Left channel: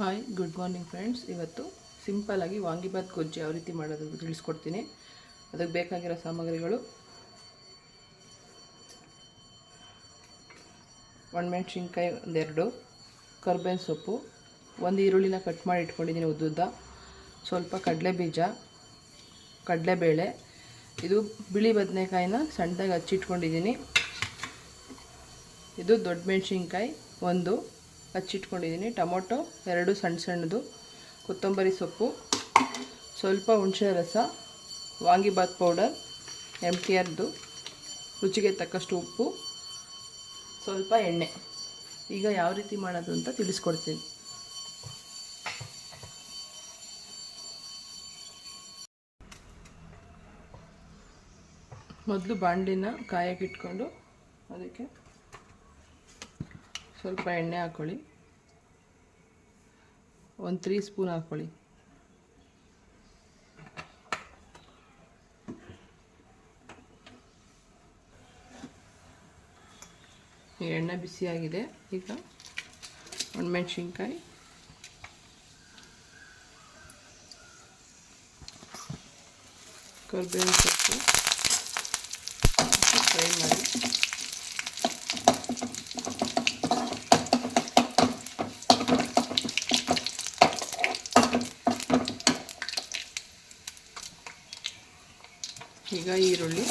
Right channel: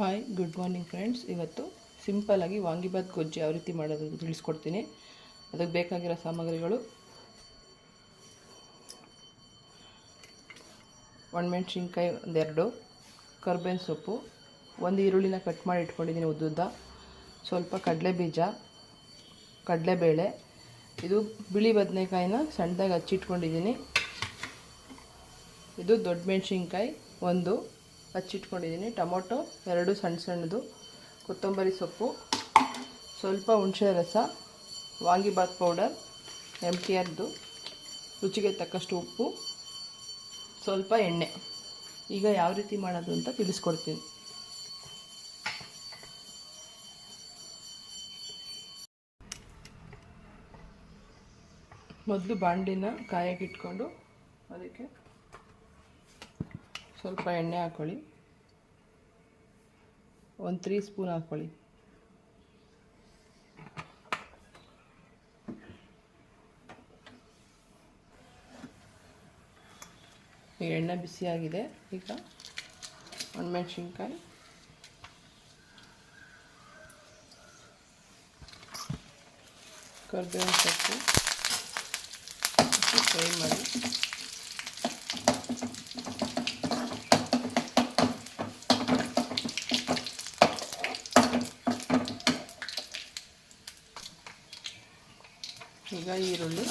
Hi good morning friends ಇವತ್ತು ಸಿಂಪಲ್ಲಾಗಿ ವಾಂಗಿಬಾತ್ ಗೊಜ್ಜು ಯಾವ ರೀತಿ ಮಾಡೋದು ತಿಳಿಸ್ಕೊಡ್ತೀನಿ. ಅದಕ್ಕೆ ಬೇಕಾಗಿರೋ ಸಾಮಗ್ರಿಗಳು ಒಣಮೆಣ್ಸಿನ್ಕಾಯಿ ಒಂದೆರಡು, ಕರ್ಬೇವಿನ ಸೊಪ್ಪು, ಒಂದು ಈರುಳ್ಳಿನ ಕಟ್ ಮಾಡಿ ಇಟ್ಕೊಂಡಿದ್ದೀನಿ ಉದ್ದುದ್ದ. ಸ್ವಲ್ಪ ಕಡಲೆ ಬೀಜ, ಕಡಲೆಬೇಳೆ, ಇದು ಬಿಳಿ ಬದನೆಕಾಯಿನ ಸಣ್ಣದಾಗಿ ಹಚ್ಚಿಟ್ಕೊಂಡಿದ್ದೀನಿ. ಇದು ದೊಡ್ಡ ಮೆಣಸಿನ್ಕಾಯಿ ಒಂದು. ಹಚ್ಚಿಟ್ಕೊಂಡಿದ್ದೀನಿ ಟೊಮೊಟೊ, ಎರಡು ಸಣ್ಣ ಸಣ್ಣದು, ಕೊತ್ತಂಬರಿ ಸೊಪ್ಪು, ಸ್ವಲ್ಪ ಹುಣಸೆ ರಸ ವಾಂಗಿಬಾತ್ ಪೌಡರ್ ಎಂ ಟಿ ಆರ್ದು, ರುಚಿಗೆ ತಕ್ಕಷ್ಟು ಉಪ್ಪು, ಸ್ವಲ್ಪ ಎಣ್ಣೆ. ಈಗ ಯಾವ ರೀತಿ ಮಾಡೋದು ಅಂತ ತಿಳಿಸ್ಕೊಡ್ತೀನಿ. ಮೊದಲು ಬಾಂಡಿನ ಕಾಯಕ್ಕಿಟ್ಕೊಂಡು ಅದಕ್ಕೆ ಸ್ವಲ್ಪ ಎಣ್ಣೆ ಹಾಕ್ಕೊಳ್ಳಿ ಒಂದು ತ್ರೀ ಸ್ಪೂನ್ ಹಾಕ್ಕೊಳ್ಳಿ ಈಗ ಎಣ್ಣೆ ಬಿಸಿಯಾಗಿದೆ ಈಗ ಒಣಮೆಣ್ಸಿನ್ಕಾಯಿ ಕರ್ಬೇವಿನ ಸೊಪ್ಪು. ಫ್ರೈ ಮಾಡಿ. ಈಗ ಈರುಳ್ಳಿ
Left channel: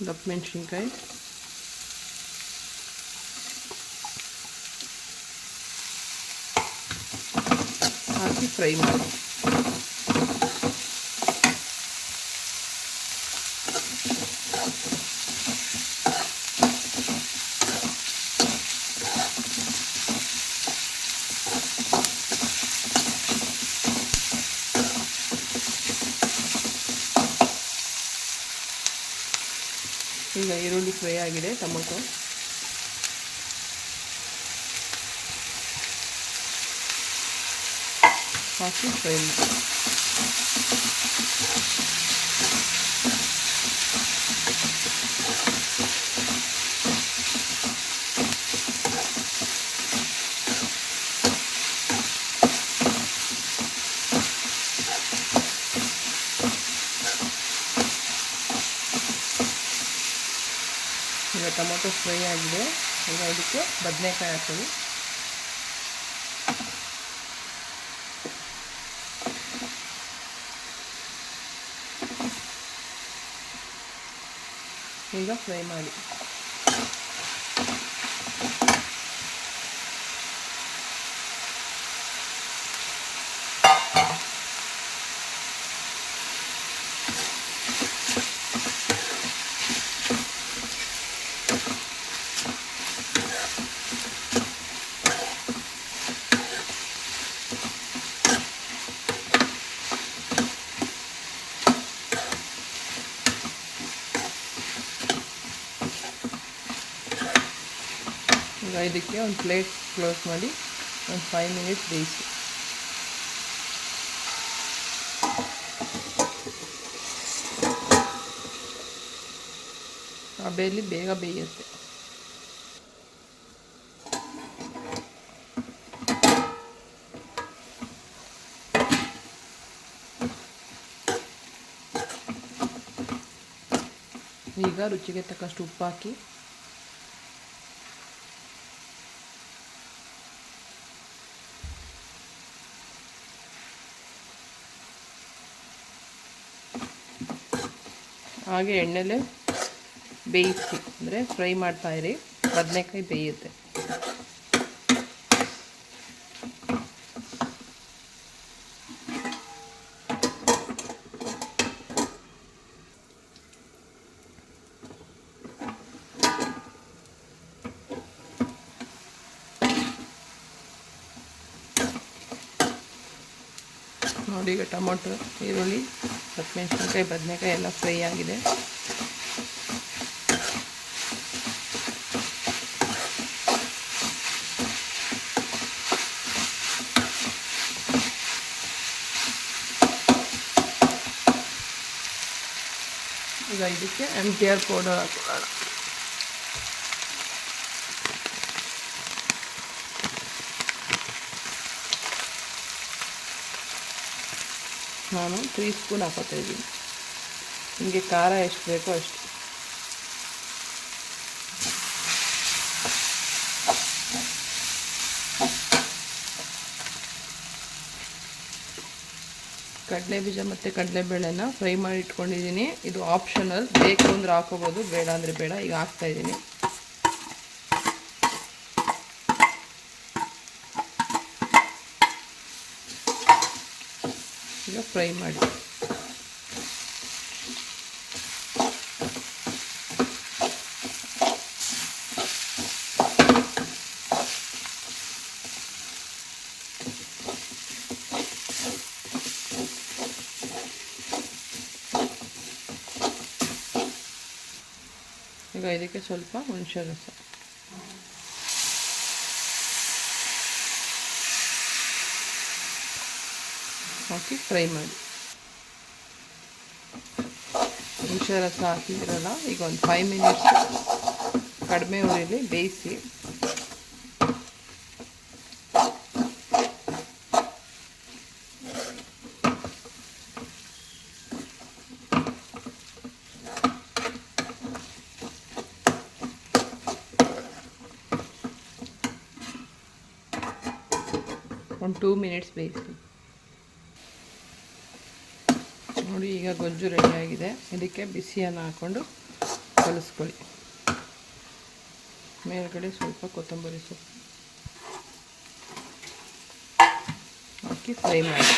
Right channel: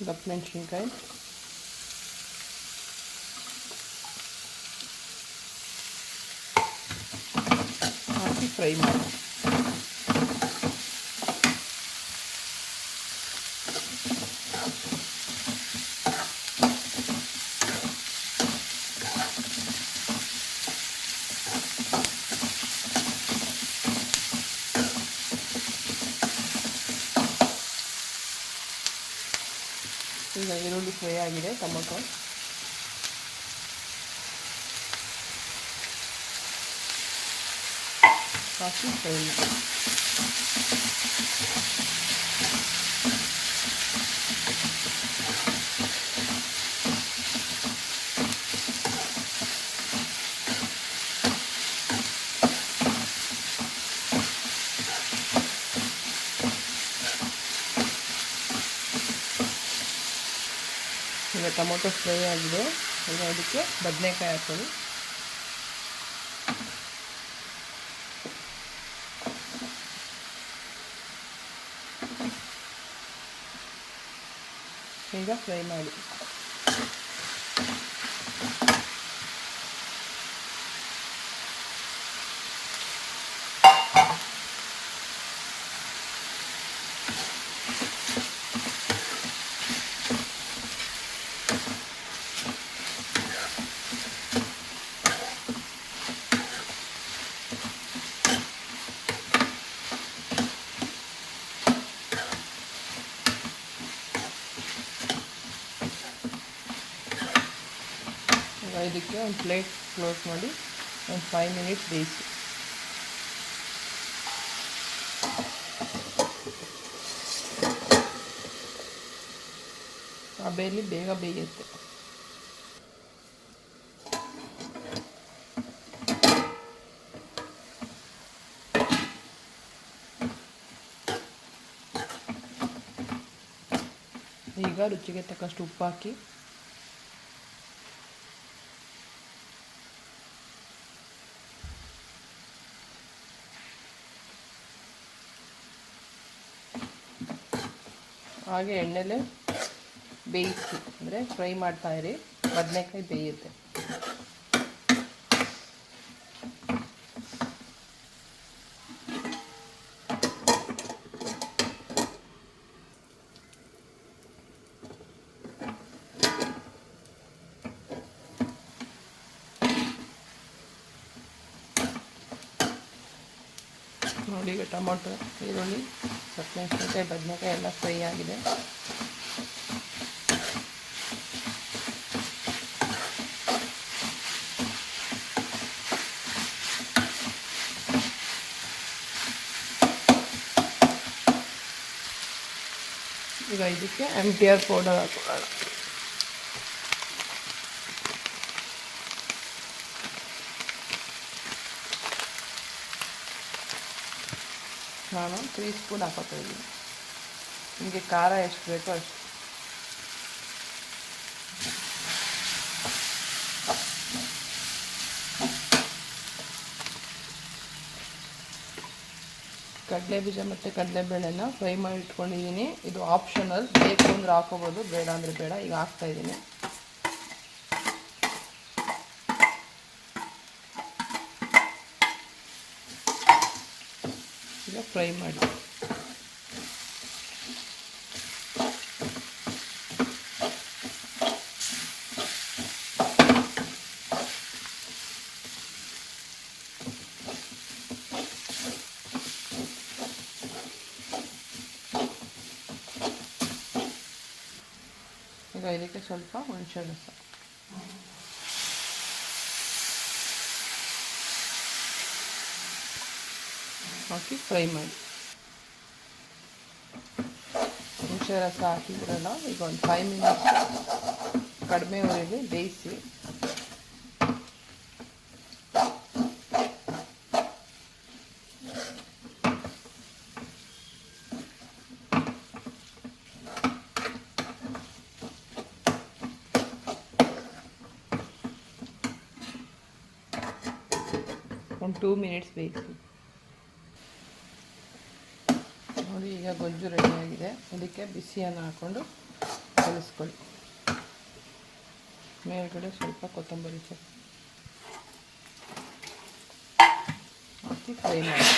ದಪ್ಪ ಮೆಣಸಿನ್ಕಾಯಿ ಹಾಕಿ ಫ್ರೈ ಮಾಡಿ ಈಗ ಈರುಳ್ಳಿ ಫ್ರೈ ಆಗಿದೆ ಟೊಮೊಟೊ ಹಾಕಿ ಫ್ರೈ ಮಾಡಿ ಈಗ ಟೊಮೊಟೊ ಫ್ರೈ ಆಗಿದೆ. ಈಗ ಅದಕ್ಕೆ ಬದನೆಕಾಯಿ ಹಾಕೊಳ್ಳಿ ಈಗ ಫ್ರೈ ಮಾಡಿ. ಇದಕ್ಕೆ ಒಂದು ಪ್ಲೇಟ್ ಕ್ಲೋಸ್ ಮಾಡಿ ಒಂದು ಫೈವ್ ಮಿನಿಟ್ಸ್ ಬೇಯಿಸಿ. ಆ ಬೇಗ ಬೇಯುತ್ತೆ. ಈಗ ರುಚಿಗೆ ತಕ್ಕಷ್ಟು ಉಪ್ಪು ಹಾಕಿ ಹಾಗೆ ಎಣ್ಣೆಲೆ ಬೇಯಿಸಿ ಅಂದರೆ ಫ್ರೈ ಮಾಡ್ತಾ ಇರಿ. ಬದನೆಕಾಯಿ ಬೇಯುತ್ತೆ. ನೋಡಿ, ಈಗ ಟೊಮೊಟೊ, ಈರುಳ್ಳಿ ಹಸಿಮೆಣ್ಸಿನ್ಕಾಯಿ ಬದನೆಕಾಯಿ ಎಲ್ಲ ಫ್ರೈ ಆಗಿದೆ. ಈಗ ಇದಕ್ಕೆ ಎಂ ಟಿ ಆರ್ ಪೌಡರ್ ಹಾಕೊಳ್ಳೋಣ. ನಾನು ತ್ರೀ ಸ್ಪೂನ್ ಹಾಕೋತಾ ಇದ್ದೀನಿ. ನಿಮಗೆ ಖಾರ ಎಷ್ಟು ಬೇಕೋ ಅಷ್ಟು. ಕಡಲೆ ಬೀಜ ಮತ್ತು ಕಡಲೆಬೇಳೆನ ಫ್ರೈ ಮಾಡಿ ಇಟ್ಕೊಂಡಿದ್ದೀನಿ. ಇದು ಆಪ್ಷನಲ್ ಬೇಕು ಅಂದರೆ ಹಾಕೋಬೋದು, ಬೇಡ ಅಂದರೆ ಬೇಡ. ಈಗ ಹಾಕ್ತಾ ಈಗ ಫ್ರೈ ಮಾಡಿ. ಈಗ ಇದಕ್ಕೆ ಸ್ವಲ್ಪ ಹುಣಸೆ ರಸ. ಹಾಕಿ ಫ್ರೈ ಮಾಡಿ. ಹುಣಸೆ ರಸ ಹಾಕಿದ್ರಲ್ಲ ಈಗ ಒಂದು ಫೈವ್ ಮಿನಿಟ್ಸ್ ಕಡಿಮೆ ಉರಿಲಿ ಬೇಯಿಸಿ. ಒಂದು ಟೂ ಮಿನಿಟ್ಸ್ ಬೇಯಿಸಿ. ನೋಡಿ, ಈಗ ಗೊಜ್ಜು ರೆಡಿಯಾಗಿದೆ ಇದಕ್ಕೆ ಬಿಸಿಯನ್ನು ಹಾಕ್ಕೊಂಡು ಕಲಿಸ್ಕೊಳ್ಳಿ. ಮೇಲ್ಗಡೆ ಸ್ವಲ್ಪ ಕೊತ್ತಂಬರಿ ಸೊಪ್ಪು ಹಾಕಿ ಫ್ರೈ ಮಾಡಿ.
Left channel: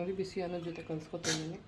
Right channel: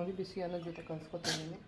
ನೋಡಿ ಬಿಸಿ ಅನ್ನೋ ಜೊತೆ ಕಲಿಸ್ಕೊತಿದ್ದೀನಿ